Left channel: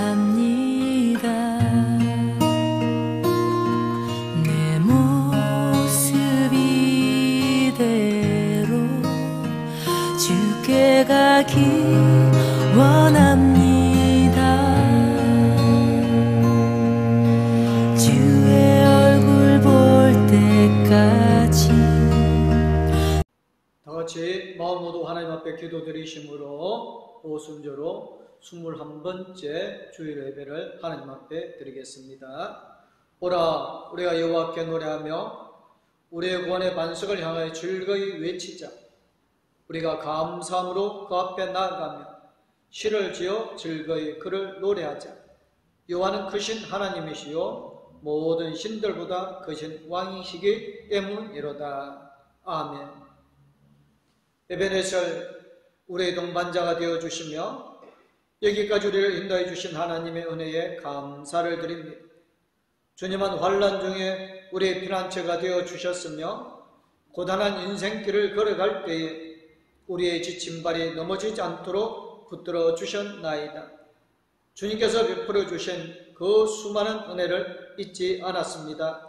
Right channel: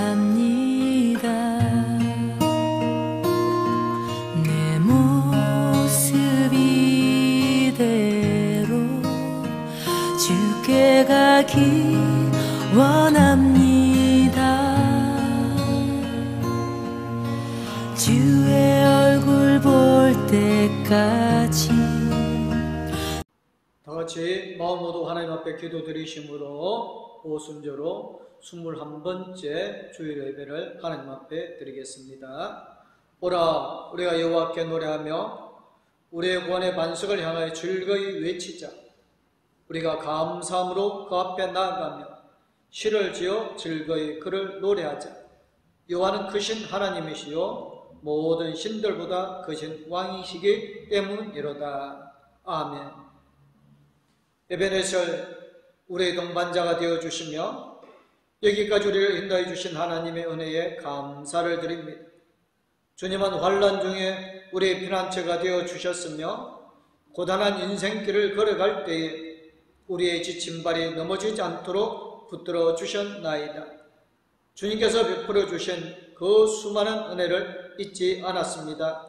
예배합니다. 내 모습 이대로 주께 가기 원합니다. 주의 얼굴 볼 때까지. 다같이 마음 모두 하나님 앞에 기도드리심으로 오순절로 21번째 주일 예배를 하나님 앞에 드리겠습니다. 오라 우리가 여호와께 노래하며 우리의 구원의 반석을 향하여 즐거이 외치자. 우리가 감사함으로 그 앞에 나아가며 시를 지어 즐거이 그를 노래하자. 여호와는 크신 하나님이시요 모든 신들보다 크신 왕이시기 때문이로다. 아멘. 에베네셀 우리의 동반자가 되어주시며 여기까지 우리를 인도해 주신 하나님의 은혜에 감사를 드립니다. 주님은 환난 중에 우리의 피난처가 되어주셨으며 고단한 인생길을 걸어갈 때에 우리의 지친 발이 넘어지지 않도록 붙들어 주셨나이다. 주님께서 베풀어 주신 그 수많은 은혜를 잊지 않았습니다.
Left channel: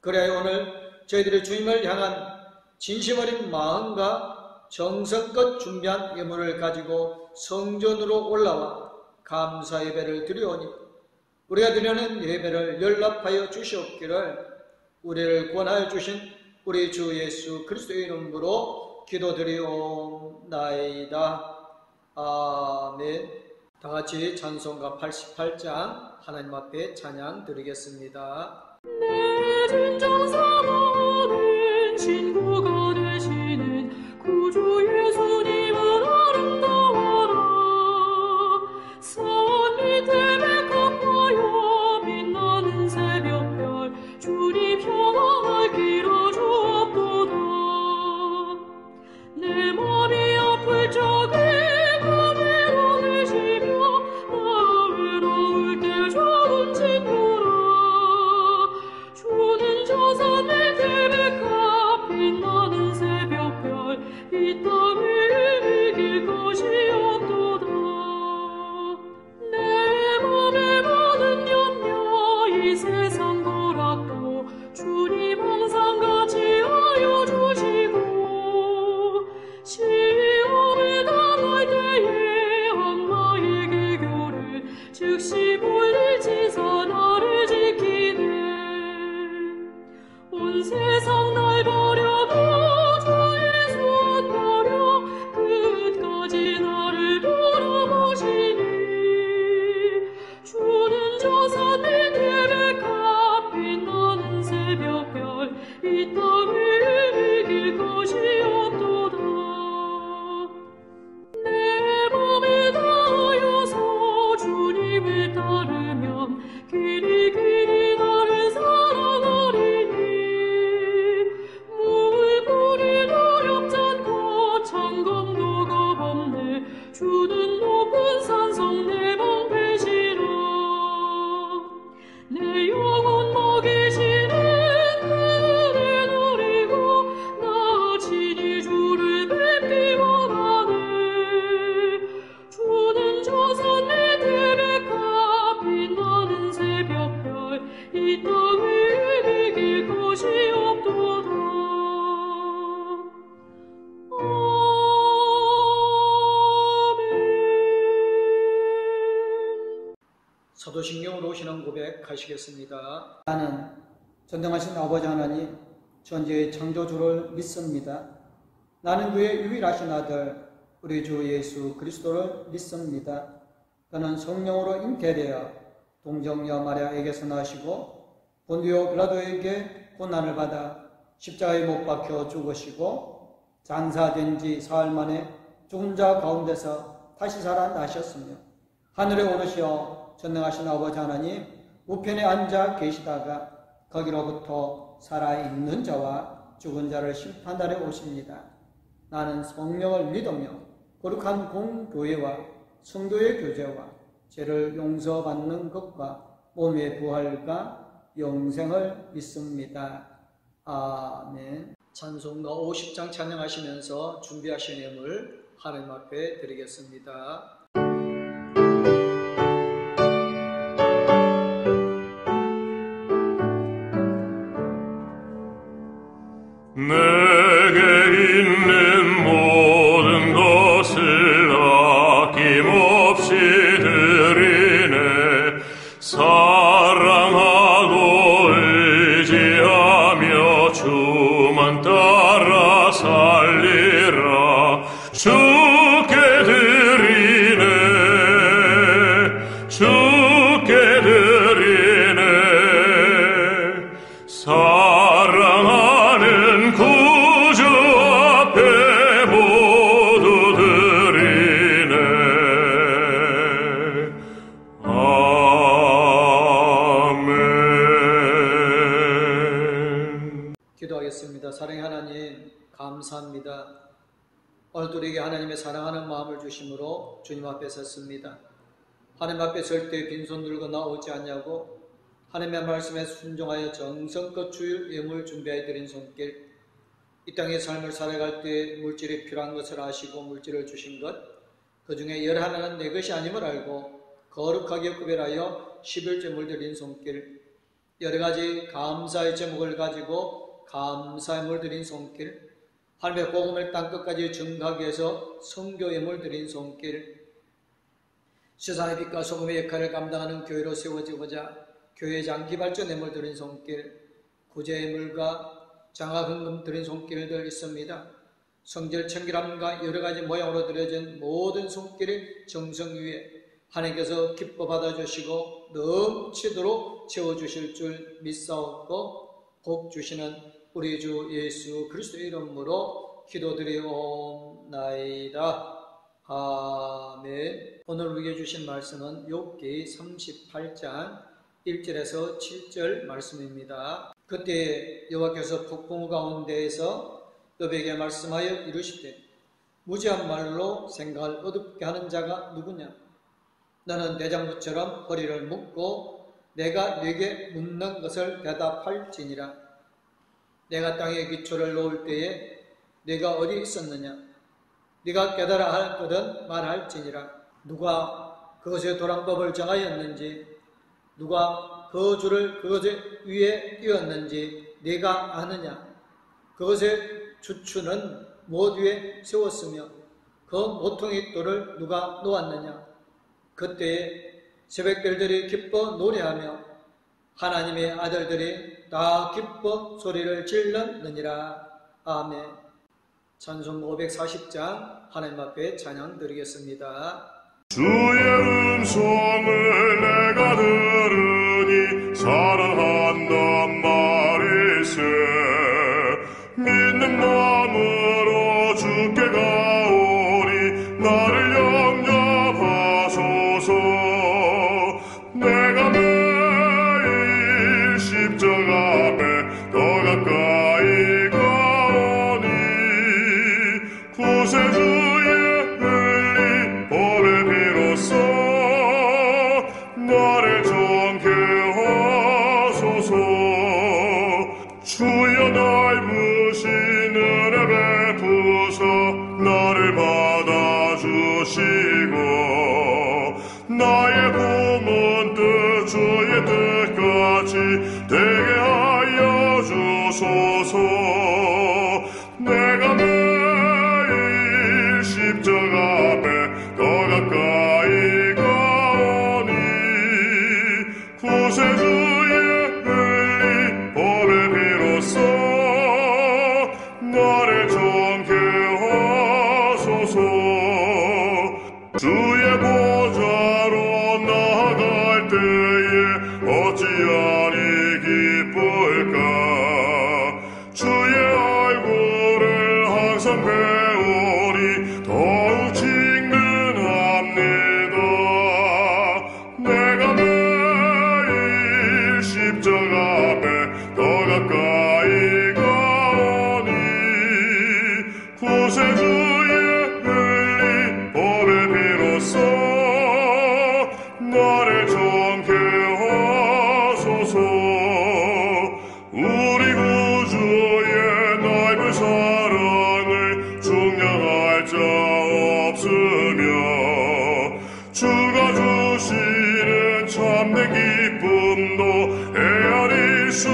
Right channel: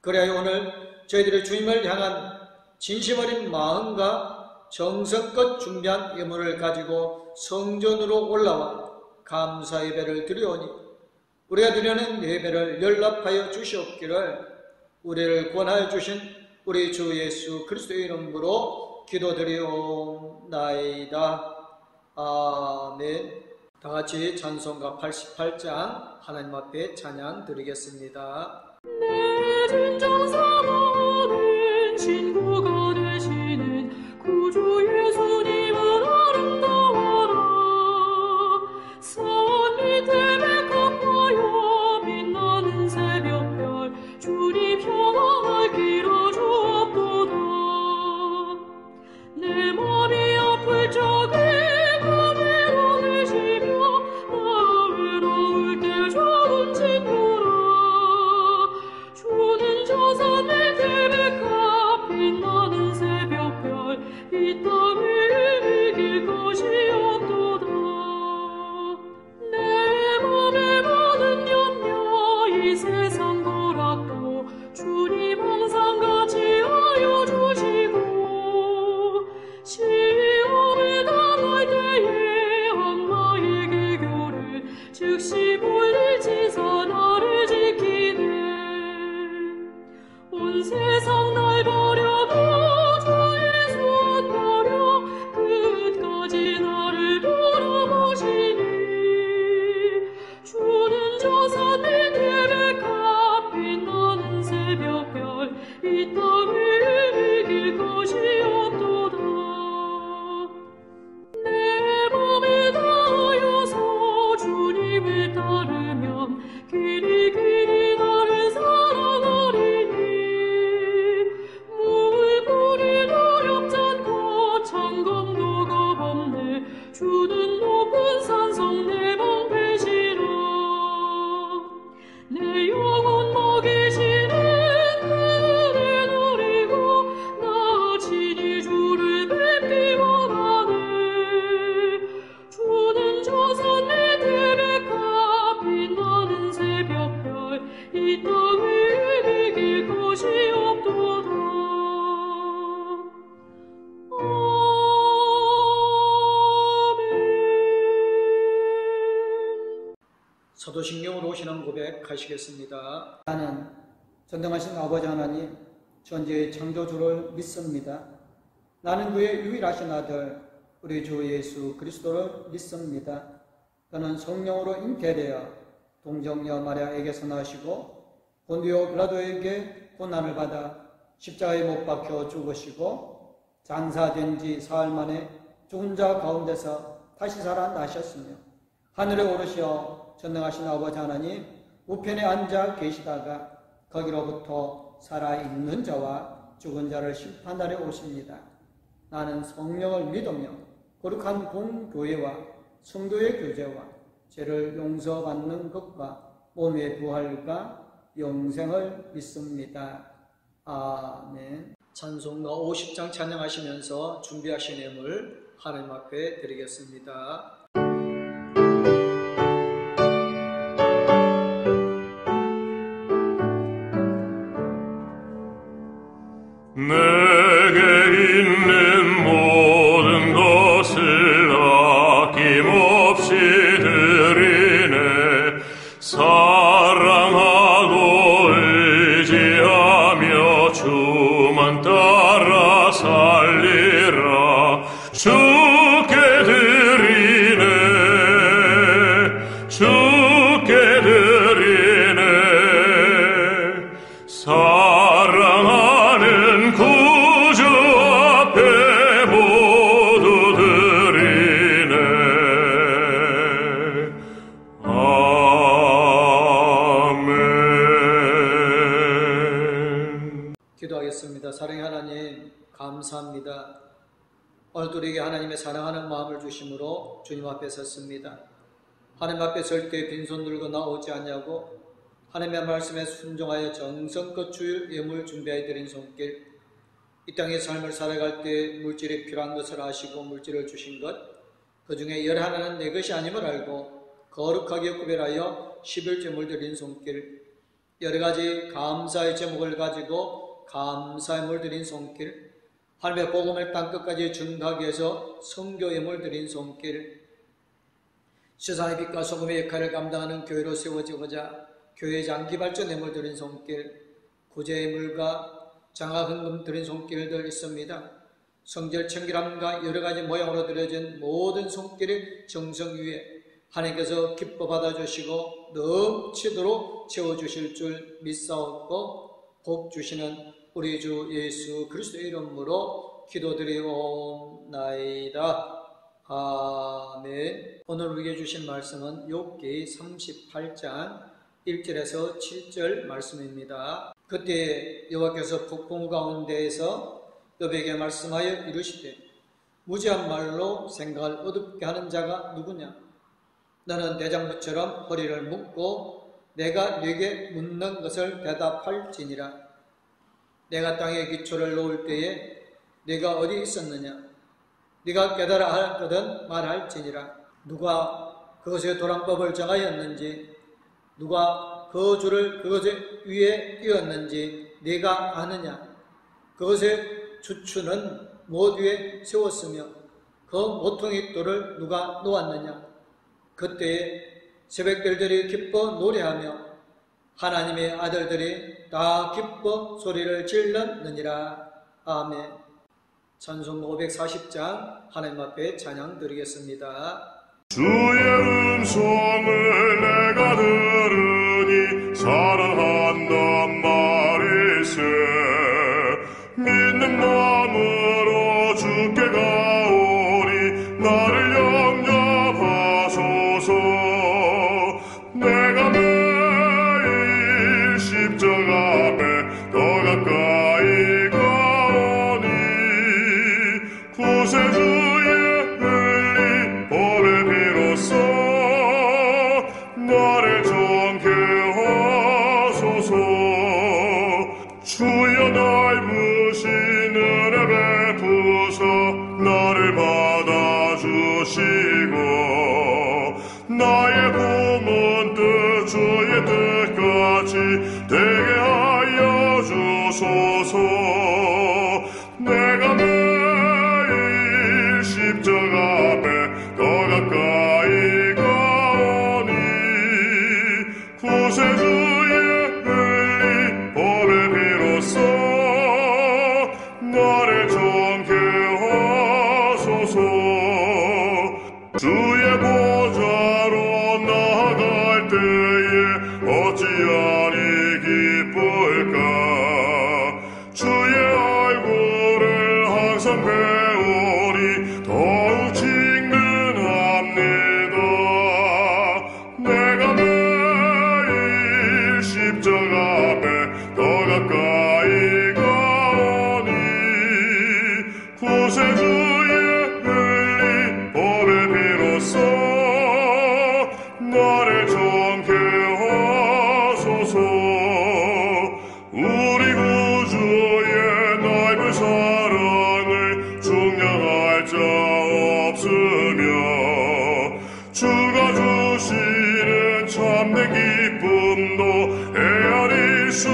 그래야 오늘 저희들이 주님을 향한 진심 어린 마음과 정성껏 준비한 예물을 가지고 성전으로 올라와 감사 예배를 드리오니 우리가 드리는 예배를 연락하여 주시옵기를 우리를 구원하여 주신 우리 주 예수 그리스도의 이름으로 기도드리옵나이다. 아멘. 다같이 찬송가 88장 하나님 앞에 찬양 드리겠습니다. 내 진정 사모는 친구가 되시는 구주 예수님은 아름다워라. 산 밑에 백합화여 빛나는 새벽별 주님 평안을 길어주옵도다. 내 맘이 아플 적에 그 외로우시며 나 외로울 때 좋은 친구라. 주는 저 산 밑에 백합 빛나는 새벽별 이 땅을 이길 것이 없도다. 내 맘에 많은 염려 이 세상 거락도 주님 항상 같이 하여 주시고 시험을 당할 때에 악마의 계교를 즉시 물리치사 나를 지키네. 온 세상 날 버려도 끝까지 나를 돌아보시니 주는 저 산 밑에 백합 빛나는 새벽별 이 땅을 이길 것이 없도다. 내 맘을 다하여서 주님을 따르면 길이 길이 나를 사랑하리니 물불이 어렵지 않고 창검도가 없네. 주는 높은 산성 내 방패시라. 내 영혼 먹이시는 그를 노리고 나 친히 주를 뵙기 원하네. 주는 저 산 밑에 백합 빛나는 새벽별 이 땅을 이길 것이 없도다. 사도신경으로 오시는 고백 하시겠습니다. 나는 전능하신 아버지 하나님 전지의 창조주를 믿습니다. 나는 그의 유일하신 아들 우리 주 예수 그리스도를 믿습니다. 그는 성령으로 잉태되어 동정녀 마리아에게서 나시고 본디오 빌라도에게 고난을 받아 십자가에 못 박혀 죽으시고 장사된 지 사흘 만에 죽은 자 가운데서 다시 살아나셨으며 하늘에 오르시어 전능하신 아버지 하나님 우편에 앉아 계시다가 거기로부터 살아있는 자와 죽은 자를 심판하러 오십니다. 나는 성령을 믿으며 거룩한 공교회와 성도의 교제와 죄를 용서받는 것과 몸의 부활과 영생을 믿습니다. 아멘. 찬송가 50장 찬양하시면서 준비하신 예물 하나님 앞에 드리겠습니다. 믿고 주님 앞에 섰습니다. 하나님 앞에 설 때 빈손 들고 나오지 않냐고 하나님의 말씀에 순종하여 정성껏 주일 예물 준비해 드린 손길, 이 땅의 삶을 살아갈 때 물질이 필요한 것을 아시고 물질을 주신 것, 그 중에 열 하나는 내 것이 아님을 알고 거룩하게 구별하여 11조물 드린 손길, 여러 가지 감사의 제목을 가지고 감사의 물 드린 손길, 하나님의 복음을 땅끝까지 전하기 위해서 선교 예물 드린 손길, 세상의 빛과 소금의 역할을 감당하는 교회로 세워지고자 교회 장기 발전 예물 드린 손길, 구제 예물과 장학금금 드린 손길들 있습니다. 성절 청결함과 여러 가지 모양으로 드려진 모든 손길이 정성 위에 하나님께서 기뻐 받아주시고 넘치도록 채워주실 줄 믿사옵고 복 주시는 우리 주 예수 그리스도의 이름으로 기도드리옵나이다. 아멘. 오늘 우리에게 주신 말씀은 욥기 38장 1절에서 7절 말씀입니다. 그때 여호와께서 북풍 가운데에서 욥에게 말씀하여 이르시되 무지한 말로 생각을 어둡게 하는 자가 누구냐? 너는 대장부처럼 허리를 묶고 내가 네게 묻는 것을 대답할지니라. 내가 땅에 기초를 놓을 때에 네가 어디 있었느냐? 네가 깨달아 할 것은 말할지니라. 누가 그것의 도랑법을 정하였는지, 누가 그 줄을 그것 위에 띄웠는지 네가 아느냐? 그것의 주추는 무엇 위에 세웠으며 그 모퉁이 돌을 누가 놓았느냐? 그때에 새벽별들이 기뻐 노래하며 하나님의 아들들이 다 기뻐 소리를 질렀느니라. 아멘. 찬송 540장 하나님 앞에 찬양 드리겠습니다. 주의 음성을 내가 들으니 사랑한단 말일세. 믿는 마음으로 주께 가오니 나를 영접하소서. 내가 매일 십자가 앞에 더 가까이 가오니 구세주의 흘린 보배 비로소 나를 정케 하소서. 주여 넓으신 은혜 베푸사 나를 받아주시고 나의 품은 뜻 주의 뜻같이 되게 하여 주소서. 내가 매일 십자가 앞에 더 가까이 가오니 구세주의 흘린 보배 비로소 나를 정케 하소서. 주의 보좌로 나아갈 때에 어찌하니 기쁠까? 주의 얼굴을 항상 배우니 더욱 직능합니다. 내가 매일 십자가 앞에 더 가까이 가오니 구세주의 흘린 보배 비로소 나를 정케 하소서. 우리 구주의 넓은 사랑을 중량할 자 없으며 주가 주시는 참된 기쁨도 헤아릴 수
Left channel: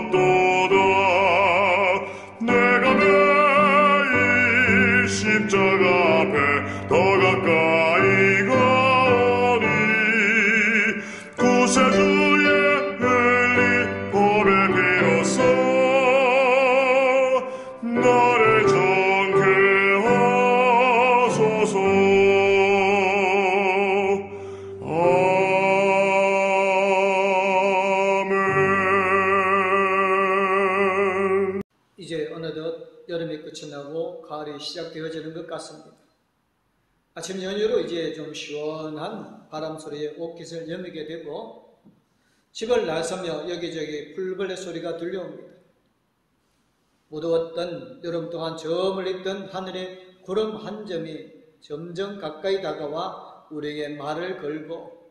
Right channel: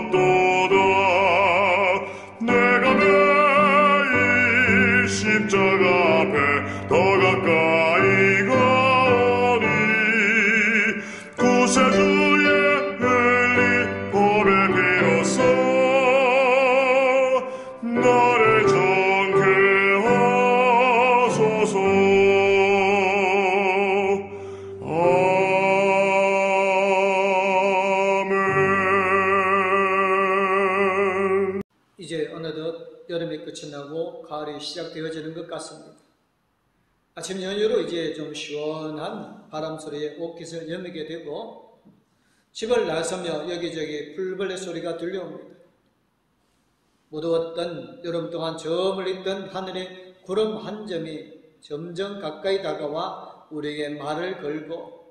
없도다. 내가 매일 십자가 앞에 더 가까이 가오니 구세주의 흘린 보배 비로소 나를 정케 하소서. 아멘. 이제 어느덧 여름이 끝이 나고 가을이 시작되어지는 것 같습니다. 아침 연휴로 이제 좀 시원한 바람 소리에 옷깃을 여미게 되고 집을 나서며 여기저기 풀벌레 소리가 들려옵니다. 무더웠던 여름 동안 저 멀리 있던 하늘의 구름 한 점이 점점 가까이 다가와 우리에게 말을 걸고,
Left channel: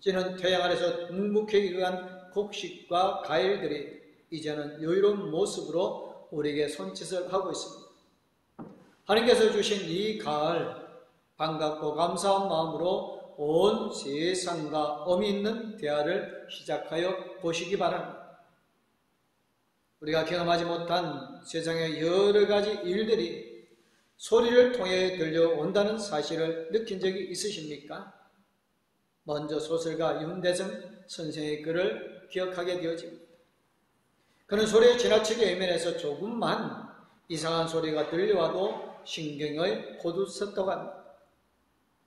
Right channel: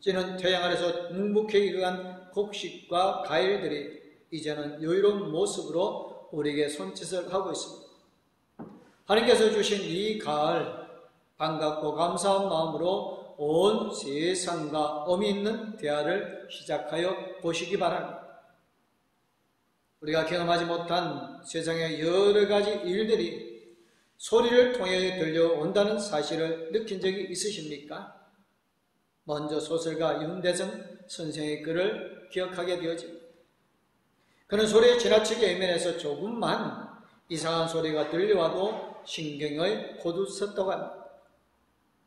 찌는 태양 아래서 묵묵히 일어난 곡식과 과일들이 이제는 여유로운 모습으로 우리에게 손짓을 하고 있습니다. 하나님께서 주신 이 가을, 반갑고 감사한 마음으로 온 세상과 의미 있는 대화를 시작하여 보시기 바랍니다. 우리가 경험하지 못한 세상의 여러 가지 일들이 소리를 통해 들려온다는 사실을 느낀 적이 있으십니까? 먼저 소설가 윤대성 선생의 글을 기억하게 되어집니다. 그는 소리에 지나치게 예민해서 조금만 이상한 소리가 들려와도 신경을 고두섰다고 합니다.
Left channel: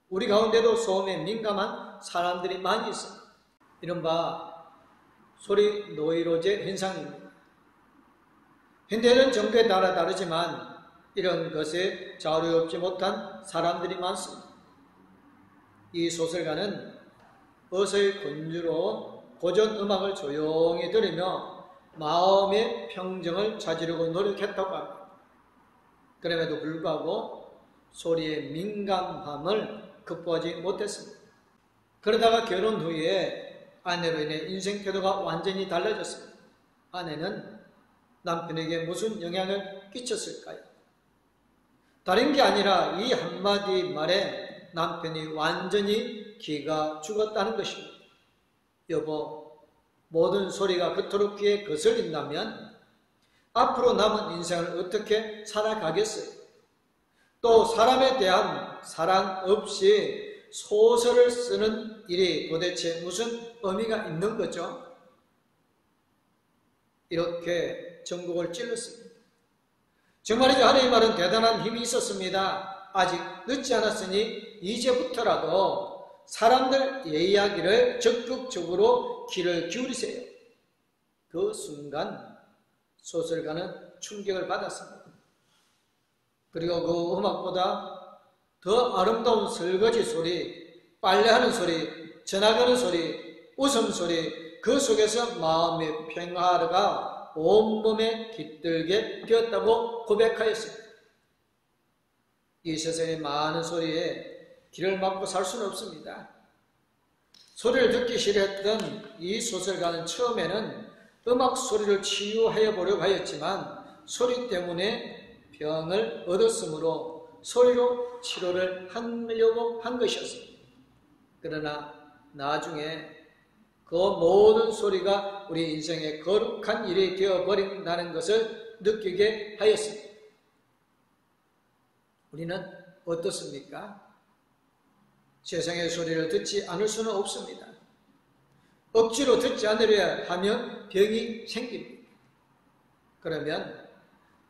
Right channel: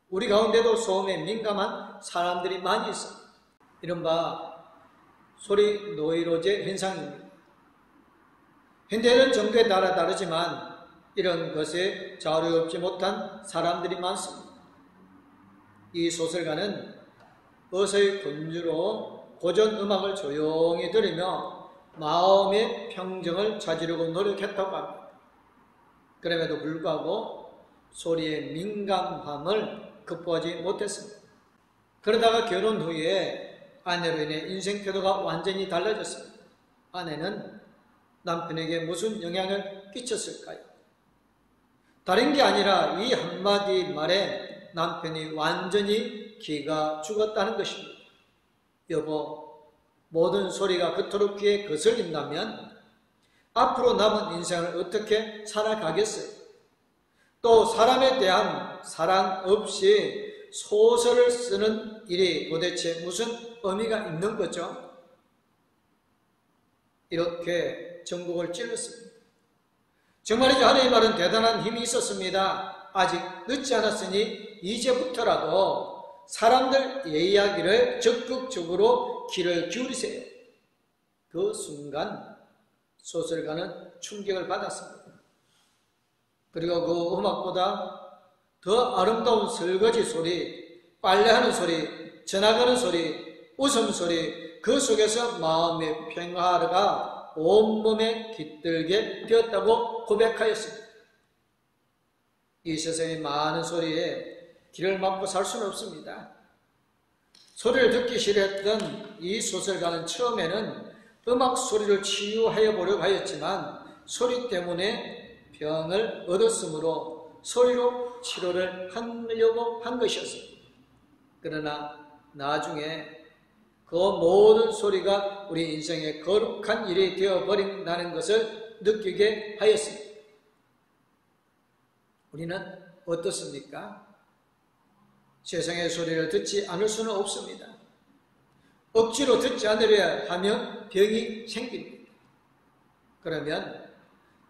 우리 가운데도 소음에 민감한 사람들이 많이 있습니다. 이른바 소리 노이로제 현상입니다. 현대는 정도에 따라 다르지만 이런 것에 자유를 얻지 못한 사람들이 많습니다. 이 소설가는 어서의 군주로 고전 음악을 조용히 들으며 마음의 평정을 찾으려고 노력했다고 합니다. 그럼에도 불구하고 소리의 민감함을 극복하지 못했습니다. 그러다가 결혼 후에 아내로 인해 인생 태도가 완전히 달라졌습니다. 아내는 남편에게 무슨 영향을 끼쳤을까요? 다른 게 아니라 이 한마디 말에 남편이 완전히 기가 죽었다는 것입니다. 여보, 모든 소리가 그토록 귀에 거슬린다면 앞으로 남은 인생을 어떻게 살아가겠어요? 또 사람에 대한 사랑 없이 소설을 쓰는 일이 도대체 무슨 의미가 있는 거죠? 이렇게 전곡을 찔렀습니다. 정말이지 하나님의 말은 대단한 힘이 있었습니다. 아직 늦지 않았으니 이제부터라도 사람들 이야기를 적극적으로 귀를 기울이세요. 그 순간 소설가는 충격을 받았습니다. 그리고 그 음악보다 더 아름다운 설거지 소리, 빨래하는 소리, 전화가는 소리, 웃음소리, 그 속에서 마음의 평화가 온몸에 깃들게 되었다고 고백하였습니다. 이 세상의 많은 소리에 귀를 막고 살 수는 없습니다. 소리를 듣기 싫어했던 이 소설가는 처음에는 음악 소리를 치유하여 보려고 하였지만 소리 때문에 병을 얻었으므로 소리로 치료를 하려고 한 것이었습니다. 그러나 나중에 그 모든 소리가 우리 인생의 거룩한 일이 되어버린다는 것을 느끼게 하였습니다. 우리는 어떻습니까? 세상의 소리를 듣지 않을 수는 없습니다. 억지로 듣지 않으려 하면 병이 생깁니다. 그러면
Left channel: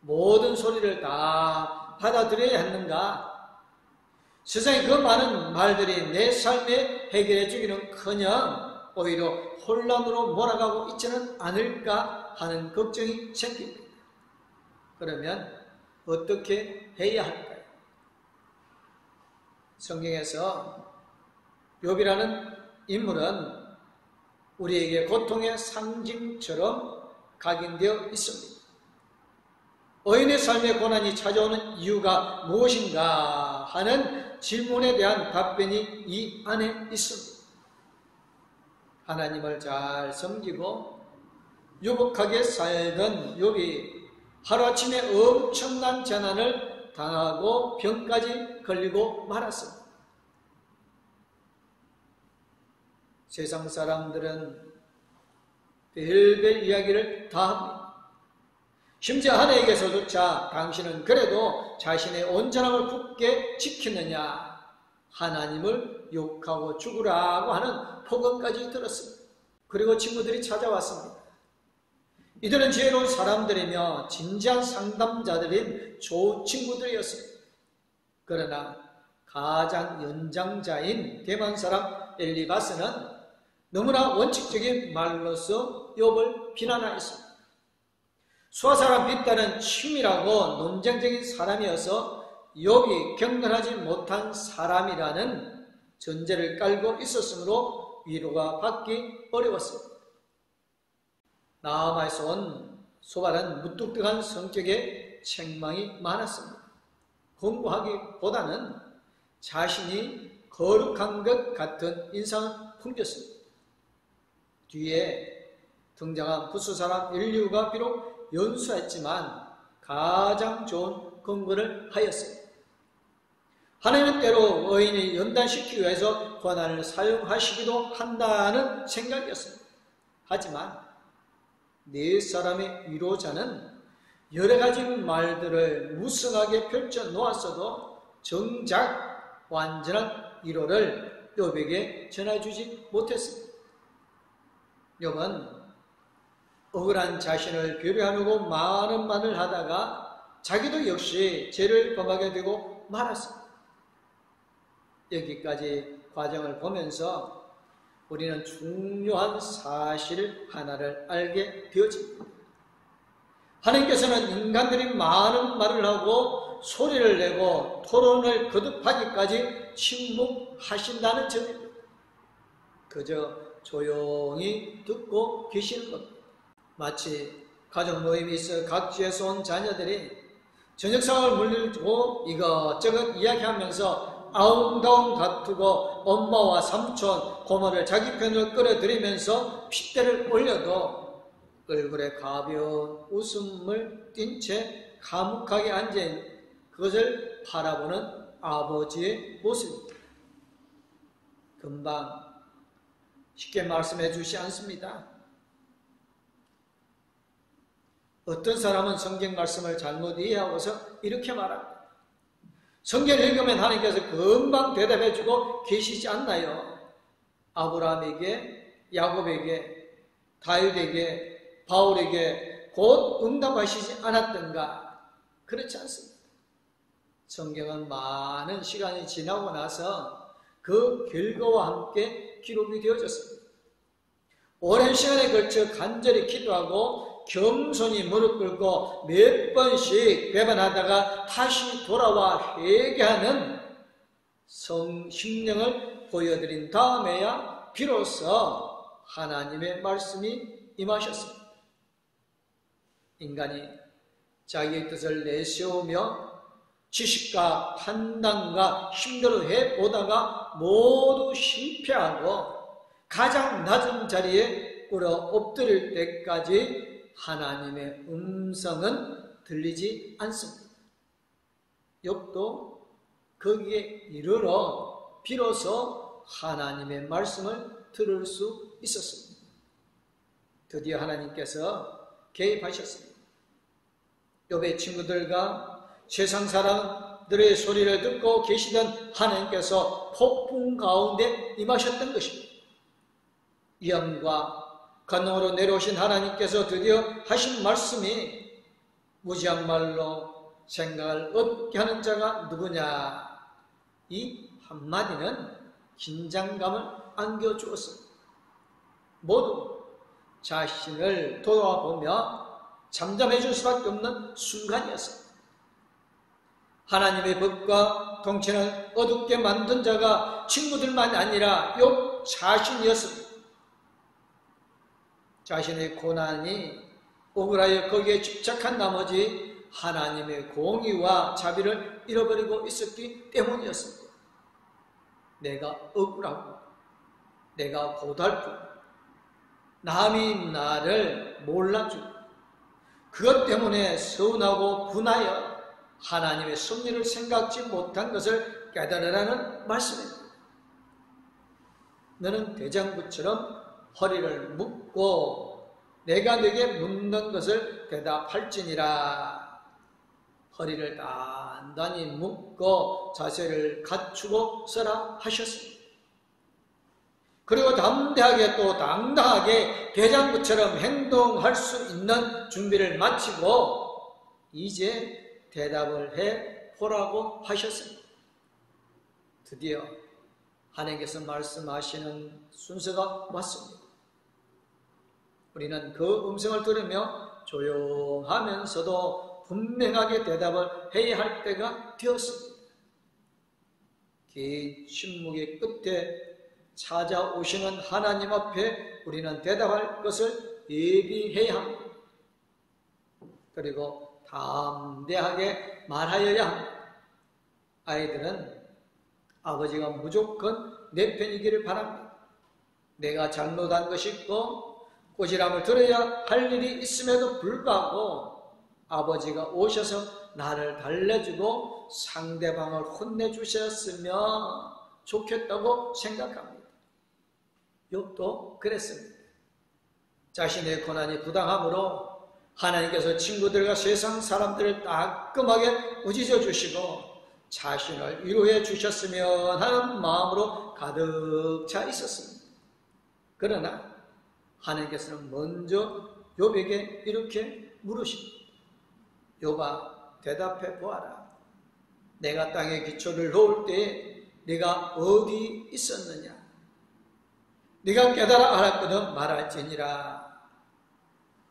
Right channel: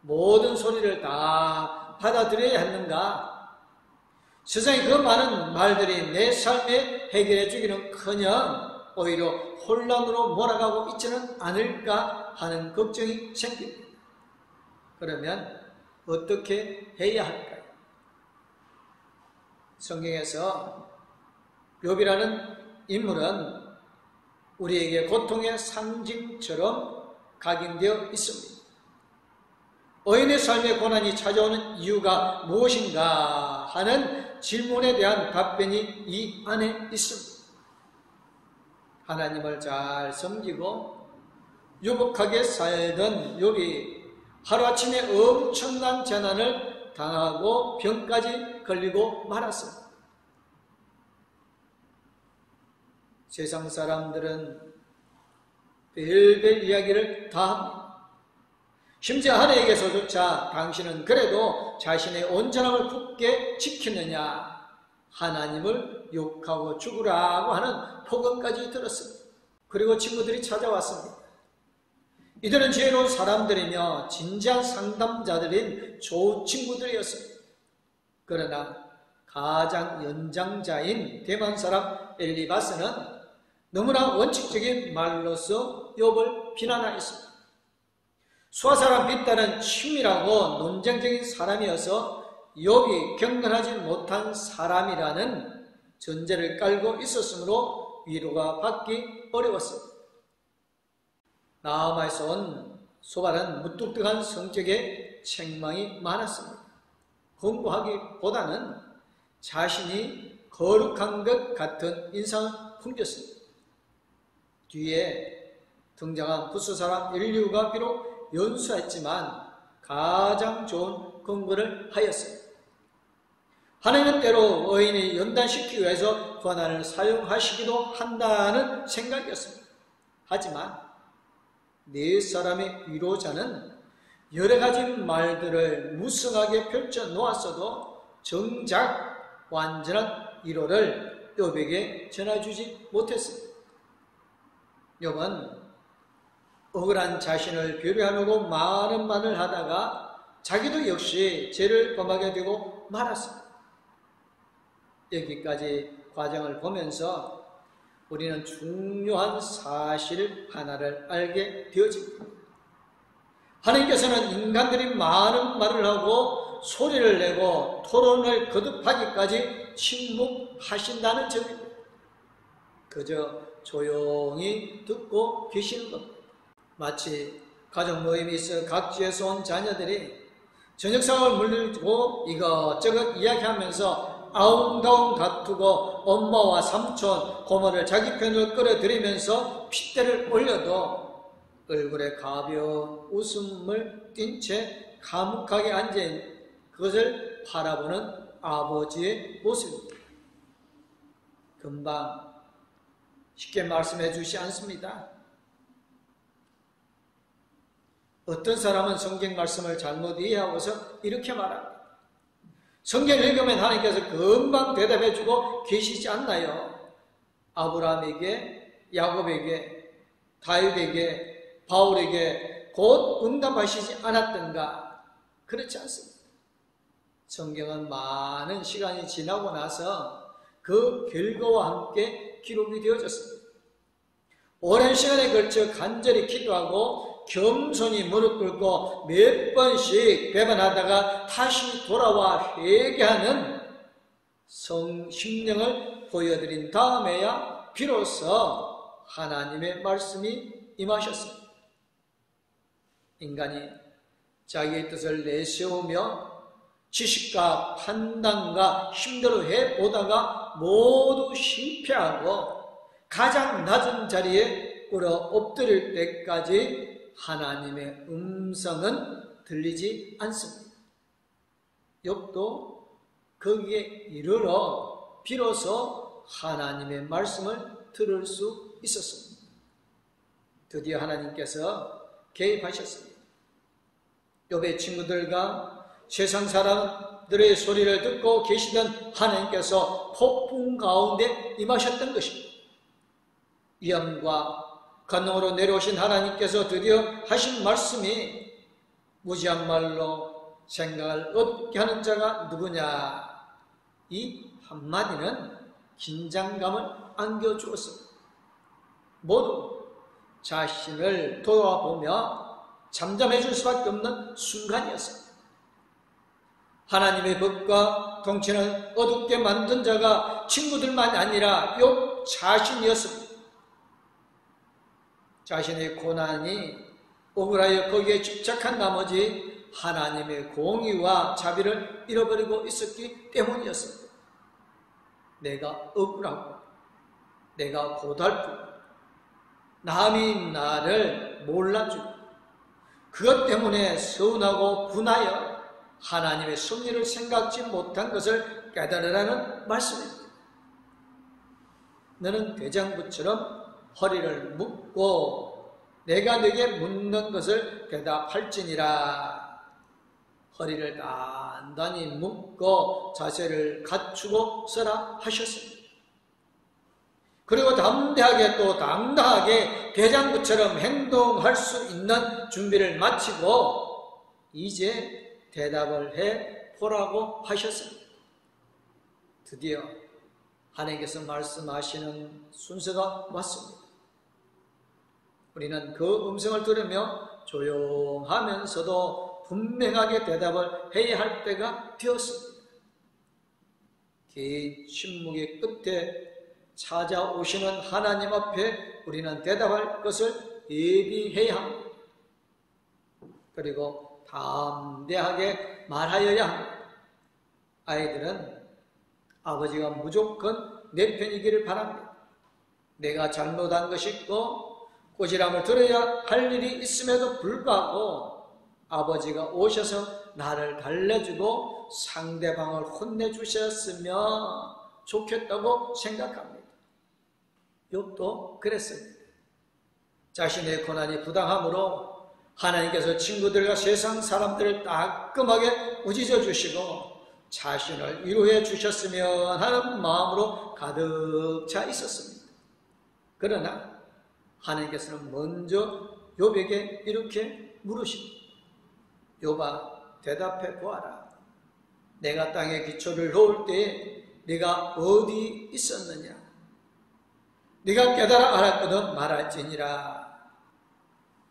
모든 소리를 다 받아들여야 하는가? 세상에 그 많은 말들이 내 삶에 해결해 주기는커녕 오히려 혼란으로 몰아가고 있지는 않을까 하는 걱정이 생깁니다. 그러면 어떻게 해야 할까요? 성경에서 욥이라는 인물은 우리에게 고통의 상징처럼 각인되어 있습니다. 의인의 삶의 고난이 찾아오는 이유가 무엇인가 하는 질문에 대한 답변이 이 안에 있습니다. 하나님을 잘 섬기고 유복하게 살던 욥이 하루아침에 엄청난 재난을 당하고 병까지 걸리고 말았습니다. 세상 사람들은 별별 이야기를 다 합니다. 심지어 하나님께서조차 당신은 그래도 자신의 온전함을 굳게 지키느냐 하나님을 욕하고 죽으라고 하는 폭언까지 들었습니다. 그리고 친구들이 찾아왔습니다. 이들은 지혜로운 사람들이며 진지한 상담자들인 좋은 친구들이었습니다. 그러나 가장 연장자인 대만 사람 엘리바스는 너무나 원칙적인 말로서 욥을 비난하였습니다. 수아사람 빗다는 치밀하고 논쟁적인 사람이어서 욥이 경건하지 못한 사람이라는 전제를 깔고 있었으므로 위로가 받기 어려웠습니다. 나아마에서 온 소발은 무뚝뚝한 성격에 책망이 많았습니다. 공부하기보다는 자신이 거룩한 것 같은 인상을 풍겼습니다. 뒤에 등장한 부수사람 엘리후가 비록 연수했지만 가장 좋은 근거를 하였습니다. 하나님 때로 의인을 연단시키기 위해서 권한을 사용하시기도 한다는 생각이었습니다. 하지만 네 사람의 위로자는 여러 가지 말들을 무성하게 펼쳐 놓았어도 정작 완전한 위로를 욥에게 전해주지 못했습니다. 욥은 억울한 자신을 배려하려고 많은 말을 하다가 자기도 역시 죄를 범하게 되고 말았습니다. 여기까지 과정을 보면서 우리는 중요한 사실 하나를 알게 되어집니다. 하나님께서는 인간들이 많은 말을 하고 소리를 내고 토론을 거듭하기까지 침묵하신다는 점입니다. 그저 조용히 듣고 계시는 것. 마치 가족 모임이 있어 각지에서 온 자녀들이 저녁상을 물리고 이것저것 이야기하면서 아웅다웅 다투고 엄마와 삼촌, 고모를 자기 편으로 끌어들이면서 핏대를 올려도 얼굴에 가벼운 웃음을 띤 채 감옥하게 앉아있는 그것을 바라보는 아버지의 모습입니다. 금방 쉽게 말씀해 주지 않습니다. 어떤 사람은 성경 말씀을 잘못 이해하고서 이렇게 말합니다. 성경을 읽으면 하나님께서 금방 대답해 주고 계시지 않나요? 아브라함에게, 야곱에게, 다윗에게, 바울에게 곧 응답하시지 않았던가? 그렇지 않습니다. 성경은 많은 시간이 지나고 나서 그 결과와 함께 기록이 되어졌습니다. 오랜 시간에 걸쳐 간절히 기도하고 겸손히 무릎 꿇고 몇 번씩 배반하다가 다시 돌아와 회개하는 성심령을 보여드린 다음에야 비로소 하나님의 말씀이 임하셨습니다. 인간이 자기의 뜻을 내세우며 지식과 판단과 힘대로 해보다가 모두 실패하고 가장 낮은 자리에 꿇어 엎드릴 때까지 하나님의 음성은 들리지 않습니다. 욥도 거기에 이르러 비로소 하나님의 말씀을 들을 수 있었습니다. 드디어 하나님께서 개입하셨습니다. 욥의 친구들과 세상 사람들의 소리를 듣고 계시던 하나님께서 폭풍 가운데 임하셨던 것입니다. 위엄과 간능으로 내려오신 하나님께서 드디어 하신 말씀이 무지한 말로 생각을 얻게 하는 자가 누구냐? 이 한마디는 긴장감을 안겨주었습니다. 모두 자신을 돌아보며 잠잠해질 수밖에 없는 순간이었습니다. 하나님의 법과 통치는 어둡게 만든 자가 친구들만이 아니라 욥 자신이었습니다. 자신의 고난이 억울하여 거기에 집착한 나머지 하나님의 공의와 자비를 잃어버리고 있었기 때문이었습니다. 내가 억울하고 내가 고달프고 남이 나를 몰라주고 그것 때문에 서운하고 분하여 하나님의 섭리를 생각지 못한 것을 깨달으라는 말씀입니다. 너는 대장부처럼 허리를 묶고 내가 네게 묻는 것을 대답할지니라. 허리를 단단히 묶고 자세를 갖추고 서라 하셨습니다. 그리고 담대하게 또 당당하게 대장부처럼 행동할 수 있는 준비를 마치고 이제 대답을 해 보라고 하셨습니다. 드디어 하나님께서 말씀하시는 순서가 왔습니다. 우리는 그 음성을 들으며 조용하면서도 분명하게 대답을 해야 할 때가 되었습니다. 긴 침묵의 끝에 찾아오시는 하나님 앞에 우리는 대답할 것을 예비해야 합니다. 그리고 담대하게 말하여야 합니다. 아이들은 아버지가 무조건 내 편이기를 바랍니다. 내가 잘못한 것이 있고 꼬지람을 들어야 할 일이 있음에도 불구하고 아버지가 오셔서 나를 달래주고 상대방을 혼내주셨으면 좋겠다고 생각합니다. 욥도 그랬습니다. 자신의 고난이 부당함으로 하나님께서 친구들과 세상 사람들을 따끔하게 꾸짖어 주시고 자신을 위로해 주셨으면 하는 마음으로 가득 차 있었습니다. 그러나 하나님께서는 먼저 욥에게 이렇게 물으십니다. 욥아, 대답해 보아라. 내가 땅에 기초를 놓을 때에 네가 어디 있었느냐? 네가 깨달아 알았거든 말할지니라.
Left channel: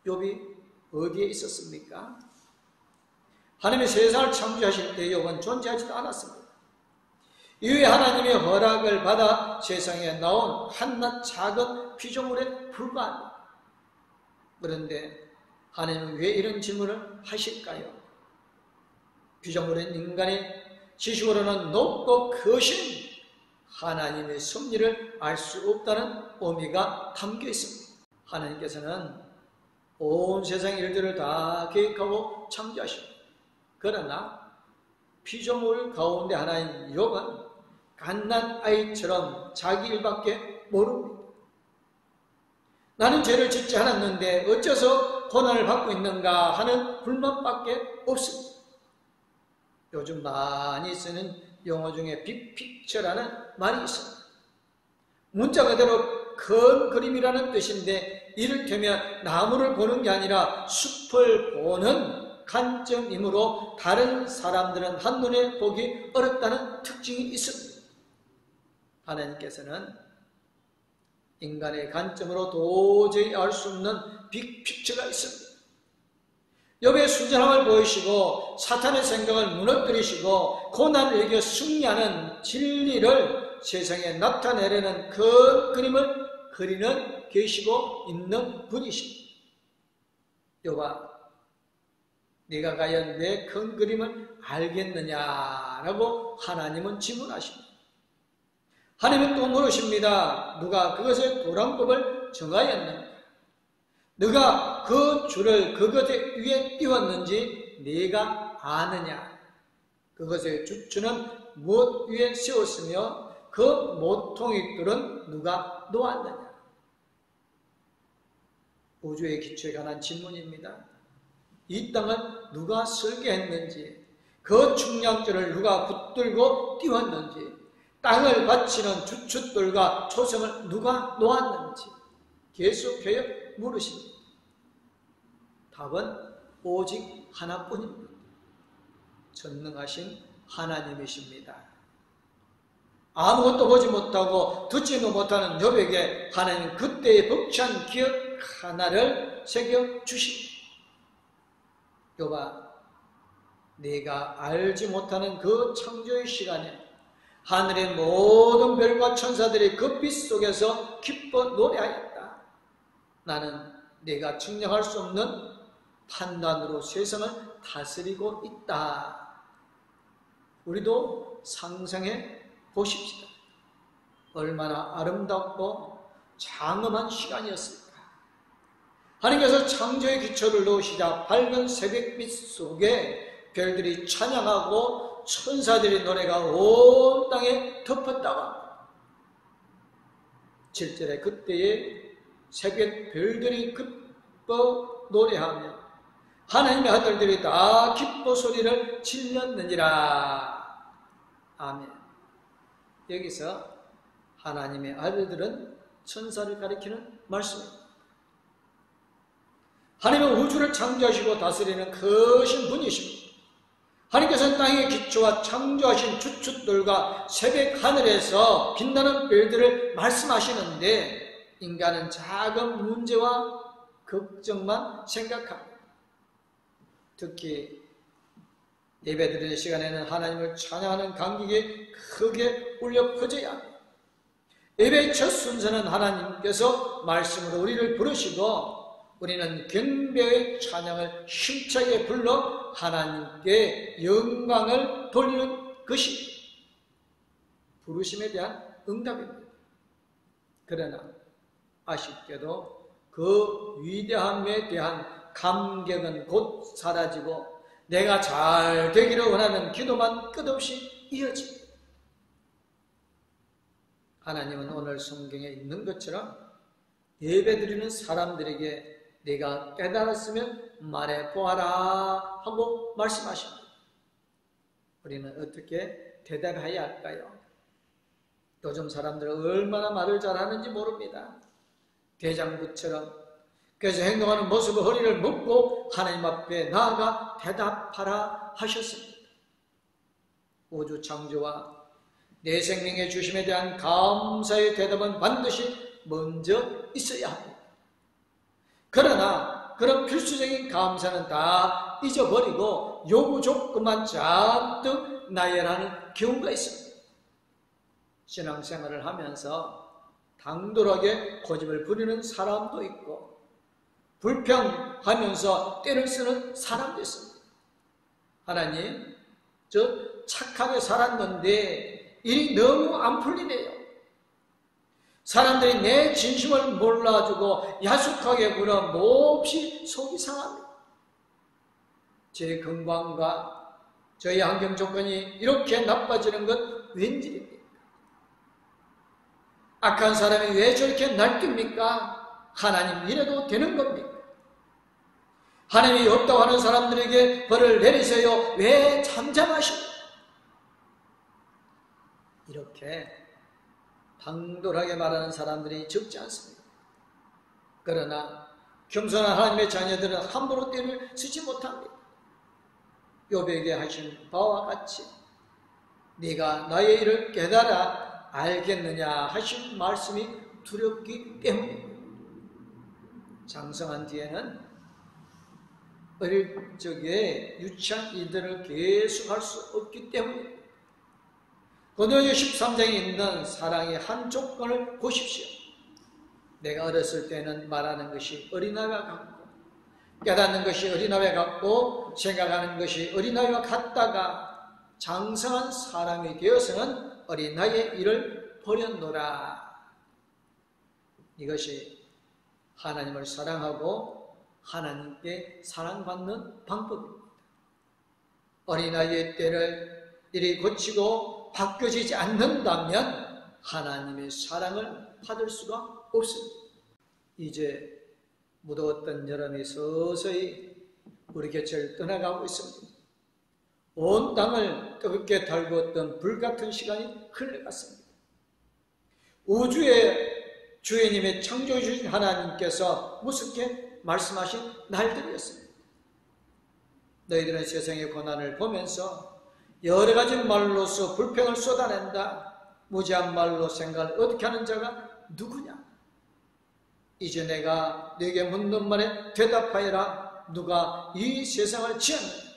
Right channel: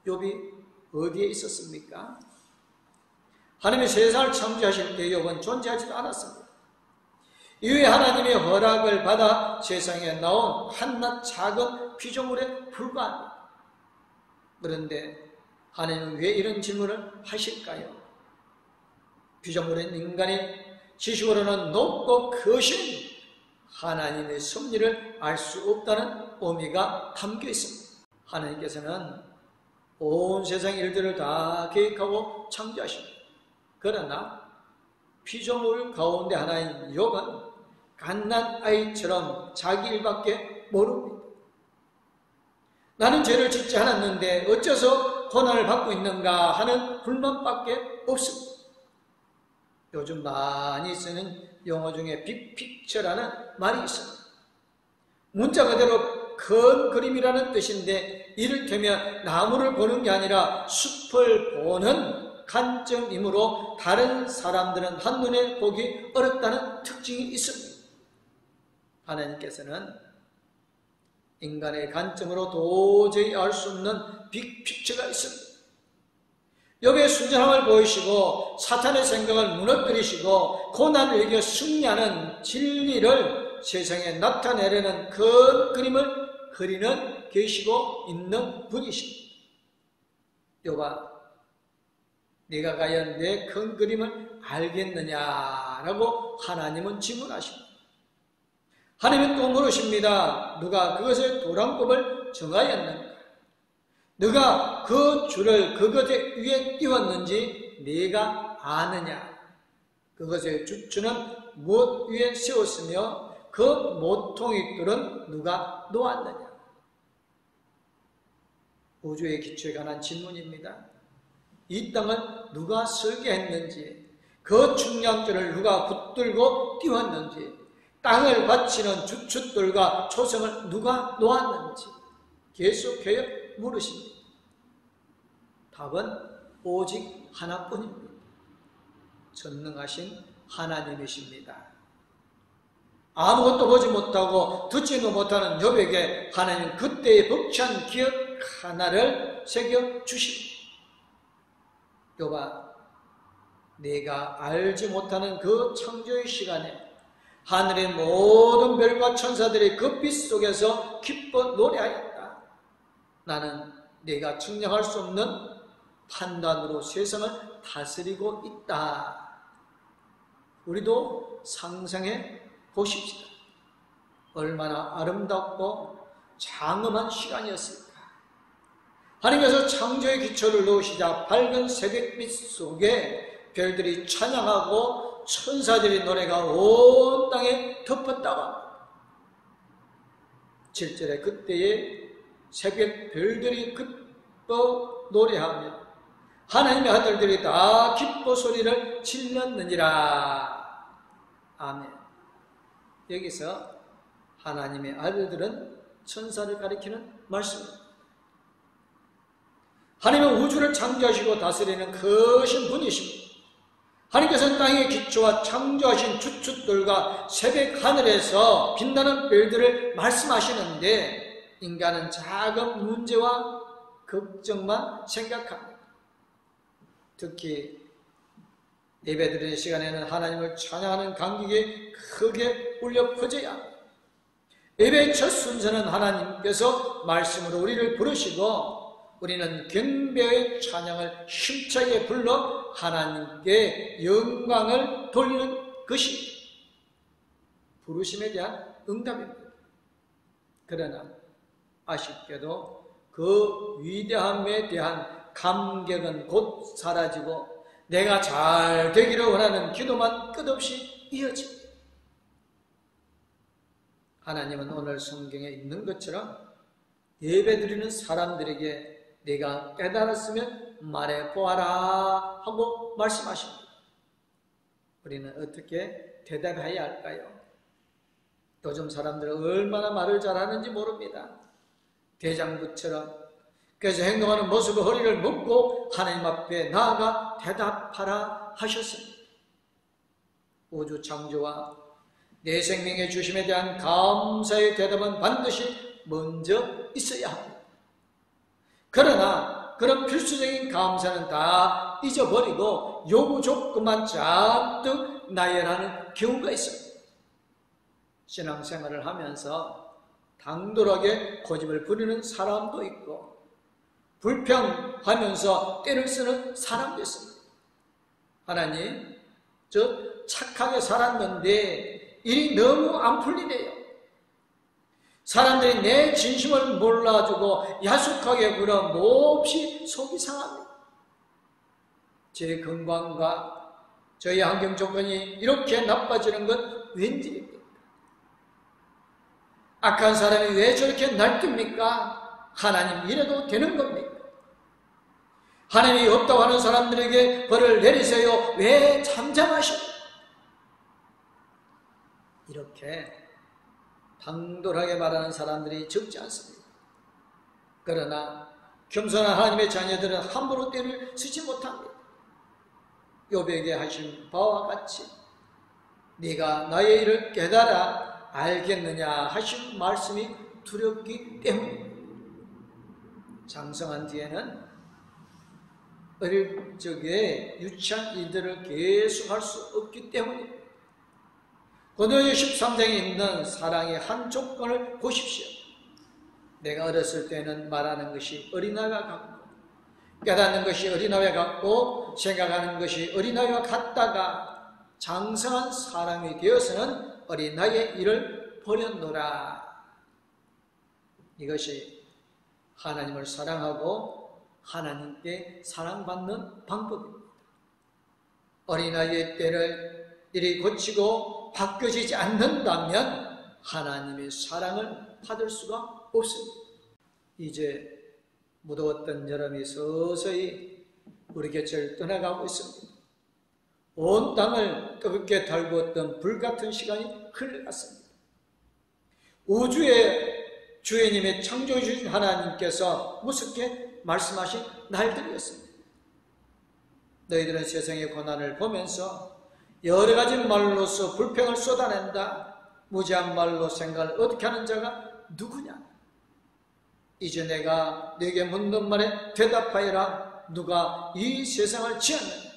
욥이 어디에 있었습니까? 하나님의 세상을 창조하실 때 욥은 존재하지도 않았습니다. 이후에 하나님의 허락을 받아 세상에 나온 한낱 작은 피조물에 불과합니다. 그런데 하나님은 왜 이런 질문을 하실까요? 피조물인 인간의 지식으로는 높고 크신 하나님의 섭리를 알 수 없다는 의미가 담겨 있습니다. 하나님께서는 온 세상 일들을 다 계획하고 창조하십니다. 그러나 피조물 가운데 하나인 욥은 갓난 아이처럼 자기 일밖에 모릅니다. 나는 죄를 짓지 않았는데 어째서 고난을 받고 있는가 하는 불만밖에 없습니다. 요즘 많이 쓰는 영어 중에 빅픽처라는 말이 있습니다. 문자 그대로 큰 그림이라는 뜻인데 이를테면 나무를 보는 게 아니라 숲을 보는 관점이므로 다른 사람들은 한눈에 보기 어렵다는 특징이 있습니다. 하나님께서는 인간의 관점으로 도저히 알 수 없는 빅픽처가 있습니다. 욥의 순전함을 보이시고 사탄의 생각을 무너뜨리시고 고난을 이겨 승리하는 진리를 세상에 나타내려는 큰 그림을 그리는 계시고 있는 분이십니다. 욥아, 네가 과연 내 큰 그림을 알겠느냐라고 하나님은 질문하십니다. 하나님은 또 물으십니다. 누가 그것의 도량법을 정하였는가? 네가 그 줄을 그것 위에 띄웠는지 네가 아느냐? 그것의 주추는 무엇 위에 세웠으며 그 모퉁이 뚫은 누가 놓았느냐? 우주의 기초에 관한 질문입니다. 이 땅은 누가 설계했는지, 그 중량줄을 누가 붙들고 띄웠는지, 땅을 받치는 주춧돌과 초성을 누가 놓았는지 계속해서 물으십니다. 답은 오직 하나뿐입니다. 전능하신 하나님이십니다. 아무것도 보지 못하고 듣지도 못하는 욥에게 하나님 그때의 벅찬 기억 하나를 새겨주십니다. 욥아, 네가 알지 못하는 그 창조의 시간에 하늘의 모든 별과 천사들이 그 빛 속에서 기뻐 노래하였다. 나는 네가 측량할 수 없는 판단으로 세상을 다스리고 있다. 우리도 상상해 보십시다. 얼마나 아름답고 장엄한 시간이었을까. 하나님께서 창조의 기초를 놓으시자 밝은 새벽빛 속에 별들이 찬양하고 천사들의 노래가 온 땅에 덮었다고 합니다. 7절에 그때에 새벽 별들이 기뻐 노래하며 하나님의 아들들이 다 기뻐 소리를 질렀느니라. 아멘. 여기서 하나님의 아들들은 천사를 가리키는 말씀입니다. 하나님은 우주를 창조하시고 다스리는 크신 분이십니다. 하나님께서는 땅의 기초와 창조하신 주춧돌과 새벽 하늘에서 빛나는 별들을 말씀하시는데 인간은 작은 문제와 걱정만 생각합니다. 특히 예배드리는 시간에는 하나님을 찬양하는 감격이 크게 울려 퍼져야 합니다. 예배의 첫 순서는 하나님께서 말씀으로 우리를 부르시고 우리는 경배의 찬양을 힘차게 불러 하나님께 영광을 돌리는 것입니다. 부르심에 대한 응답입니다. 그러나 아쉽게도 그 위대함에 대한 감격은 곧 사라지고 내가 잘 되기를 원하는 기도만 끝없이 이어집니다. 하나님은 오늘 성경에 있는 것처럼 예배드리는 사람들에게 네가 깨달았으면 말해보아라 하고 말씀하십니다. 우리는 어떻게 대답해야 할까요? 요즘 사람들은 얼마나 말을 잘하는지 모릅니다. 대장부처럼. 그래서 행동하는 모습을 허리를 묶고 하나님 앞에 나아가 대답하라 하셨습니다. 우주 창조와 내 생명의 주심에 대한 감사의 대답은 반드시 먼저 있어야 합니다. 그러나 그런 필수적인 감사는 다 잊어버리고 요구 조건만 잔뜩 나열하는 경우가 있습니다. 신앙생활을 하면서 당돌하게 고집을 부리는 사람도 있고 불평하면서 때를 쓰는 사람도 있습니다. 하나님, 저 착하게 살았는데 일이 너무 안 풀리네요. 사람들이 내 진심을 몰라주고 야속하게 굴어 몹시 속이 상합니다. 제 건강과 저희 환경 조건이 이렇게 나빠지는 건 웬일입니까? 악한 사람이 왜 저렇게 날뛰입니까? 하나님 이래도 되는 겁니까? 하나님이 없다고 하는 사람들에게 벌을 내리세요. 왜 잠잠하십니까? 이렇게 당돌하게 말하는 사람들이 적지 않습니다. 그러나 겸손한 하나님의 자녀들은 함부로 때를 쓰지 못합니다. 욥에게 하신 바와 같이 네가 나의 일을 깨달아 알겠느냐 하신 말씀이 두렵기 때문에 장성한 뒤에는 어릴 적에 유치한 일들을 계속할 수 없기 때문에 고린도후서 13장에 있는 사랑의 한 조건을 보십시오. 내가 어렸을 때는 말하는 것이 어린아이와 같고 깨닫는 것이 어린아이와 같고 생각하는 것이 어린아이와 같다가 장성한 사람이 되어서는 어린아이의 일을 버렸노라. 이것이 하나님을 사랑하고 하나님께 사랑받는 방법입니다. 어린아이의 때를 이리 고치고 바뀌어지지 않는다면 하나님의 사랑을 받을 수가 없습니다. 이제 무더웠던 여름이 서서히 우리 곁을 떠나가고 있습니다. 온 땅을 뜨겁게 달구었던 불같은 시간이 흘러갔습니다. 우주의 주인님의 창조주신 하나님께서 무섭게 말씀하신 날들이었습니다. 너희들은 세상의 고난을 보면서 여러 가지 말로서 불평을 쏟아낸다. 무지한 말로 생각을 어떻게 하는 자가 누구냐? 이제 내가 네게 묻는 말에 대답하여라. 누가 이 세상을 지었느냐?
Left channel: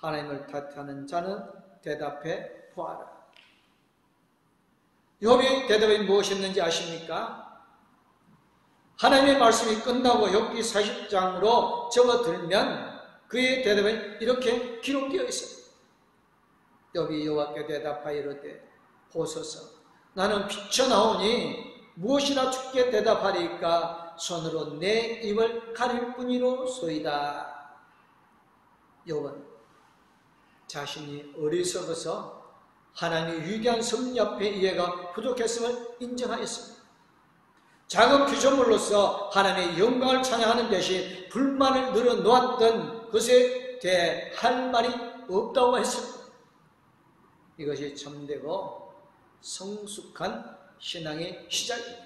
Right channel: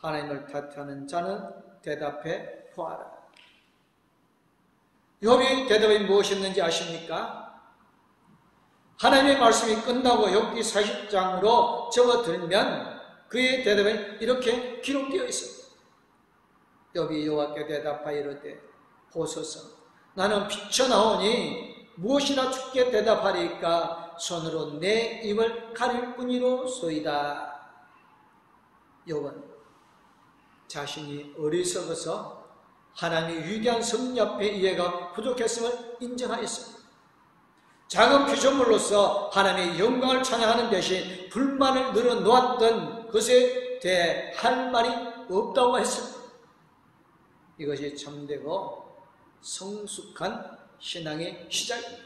하나님을 탓하는 자는 대답해 보아라. 욥의 대답이 무엇이었는지 아십니까? 하나님의 말씀이 끝나고 욥기 40장으로 적어들면 그의 대답은 이렇게 기록되어 있습니다. 욥이 여호와께 대답하여 이르되 보소서 나는 비쳐나오니 무엇이나 주께 대답하리까 손으로 내 입을 가릴 뿐이로소이다. 욥은 자신이 어리석어서 하나님의 위대한 섭리 앞에 이해가 부족했음을 인정하였습니다. 작은 피조물로서 하나님의 영광을 찬양하는 대신 불만을 늘어놓았던 것에 대해 할 말이 없다고 했습니다. 이것이 참되고 성숙한 신앙의 시작입니다.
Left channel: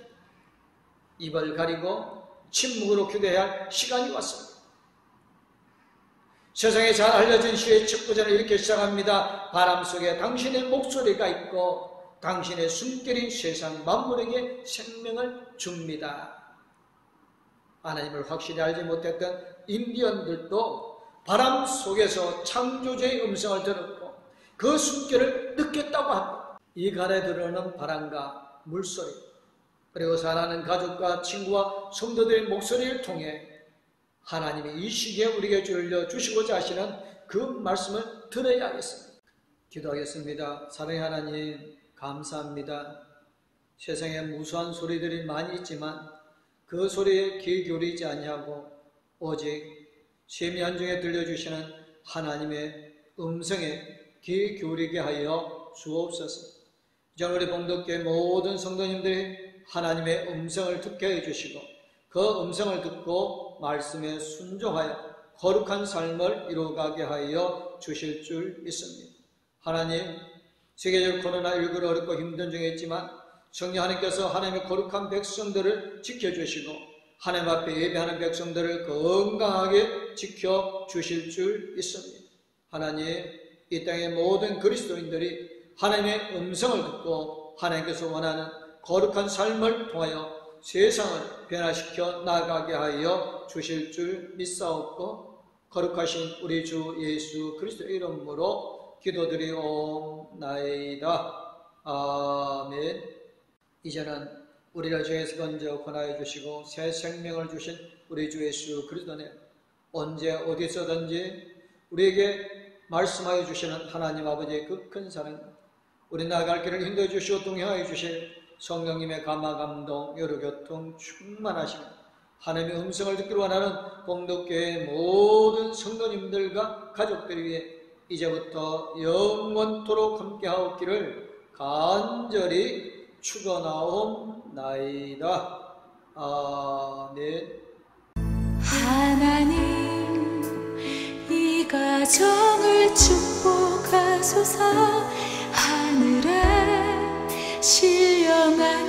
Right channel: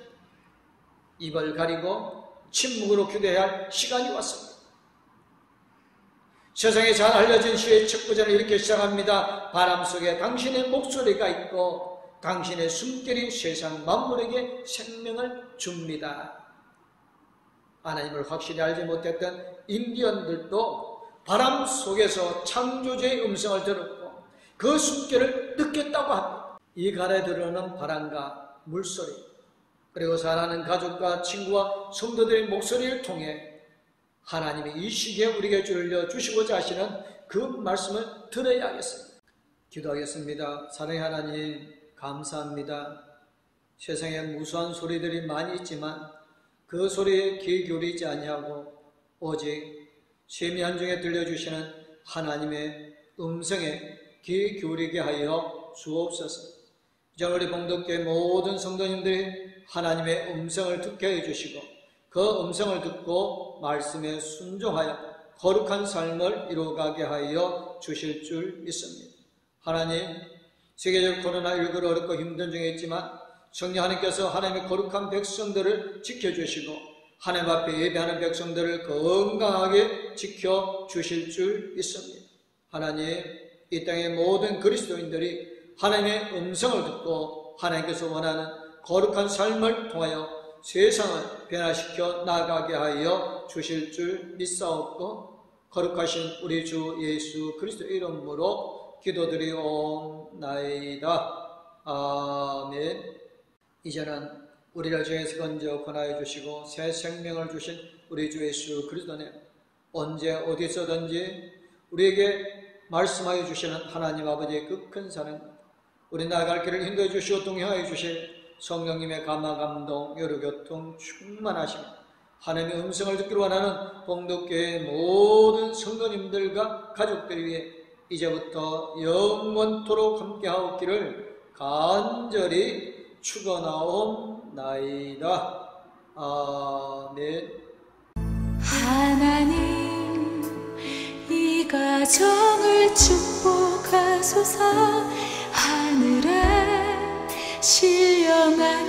입을 가리고 침묵으로 기도해야 할 시간이 왔습니다. 세상에 잘 알려진 시의 첫 구절을 이렇게 시작합니다. 바람 속에 당신의 목소리가 있고 당신의 숨결이 세상 만물에게 생명을 줍니다. 하나님을 확실히 알지 못했던 인디언들도 바람 속에서 창조주의 음성을 들었고 그 숨결을 느꼈다고 합니다. 이 가래 들어오는 바람과 물소리 그리고 사랑하는 가족과 친구와 성도들의 목소리를 통해 하나님이 이 시기에 우리에게 주시고자 하시는 그 말씀을 들어야 하겠습니다. 기도하겠습니다. 사랑의 하나님, 감사합니다. 세상에 무수한 소리들이 많이 있지만 그 소리에 귀 기울이지 아니하고 오직 세미한 중에 들려주시는 하나님의 음성에 귀 기울이게 하여 주옵소서. 이제 우리 봉독교회 모든 성도님들이 하나님의 음성을 듣게 해주시고 그 음성을 듣고 말씀에 순종하여 거룩한 삶을 이루어가게 하여 주실 줄 믿습니다. 하나님, 세계적 코로나19로 어렵고 힘든 중에 있지만 성령 하나님께서 하나님의 거룩한 백성들을 지켜주시고 하나님 앞에 예배하는 백성들을 건강하게 지켜주실 줄 믿습니다. 하나님, 이 땅의 모든 그리스도인들이 하나님의 음성을 듣고 하나님께서 원하는 거룩한 삶을 통하여 세상을 변화시켜 나가게 하여 주실 줄 믿사옵고 거룩하신 우리 주 예수 그리스도 이름으로 기도드리옵나이다. 아멘. 이제는 우리를 죄에서 건져 권하여 주시고 새 생명을 주신 우리 주 예수 그리스도님, 언제 어디서든지 우리에게 말씀하여 주시는 하나님 아버지의 그 큰 사랑, 우리 나아갈 길을 인도해 주시고 동행하여 주실 성령님의 감화 감동 여러 교통 충만하시며 하나님의 음성을 듣기를 원하는 봉독교회의 모든 성도님들과 가족들 위해 이제부터 영원토록 함께하옵기를 간절히 축원하옵나이다. 아멘. 하나님, 이 가정을 축복하소서. 하늘에 신령한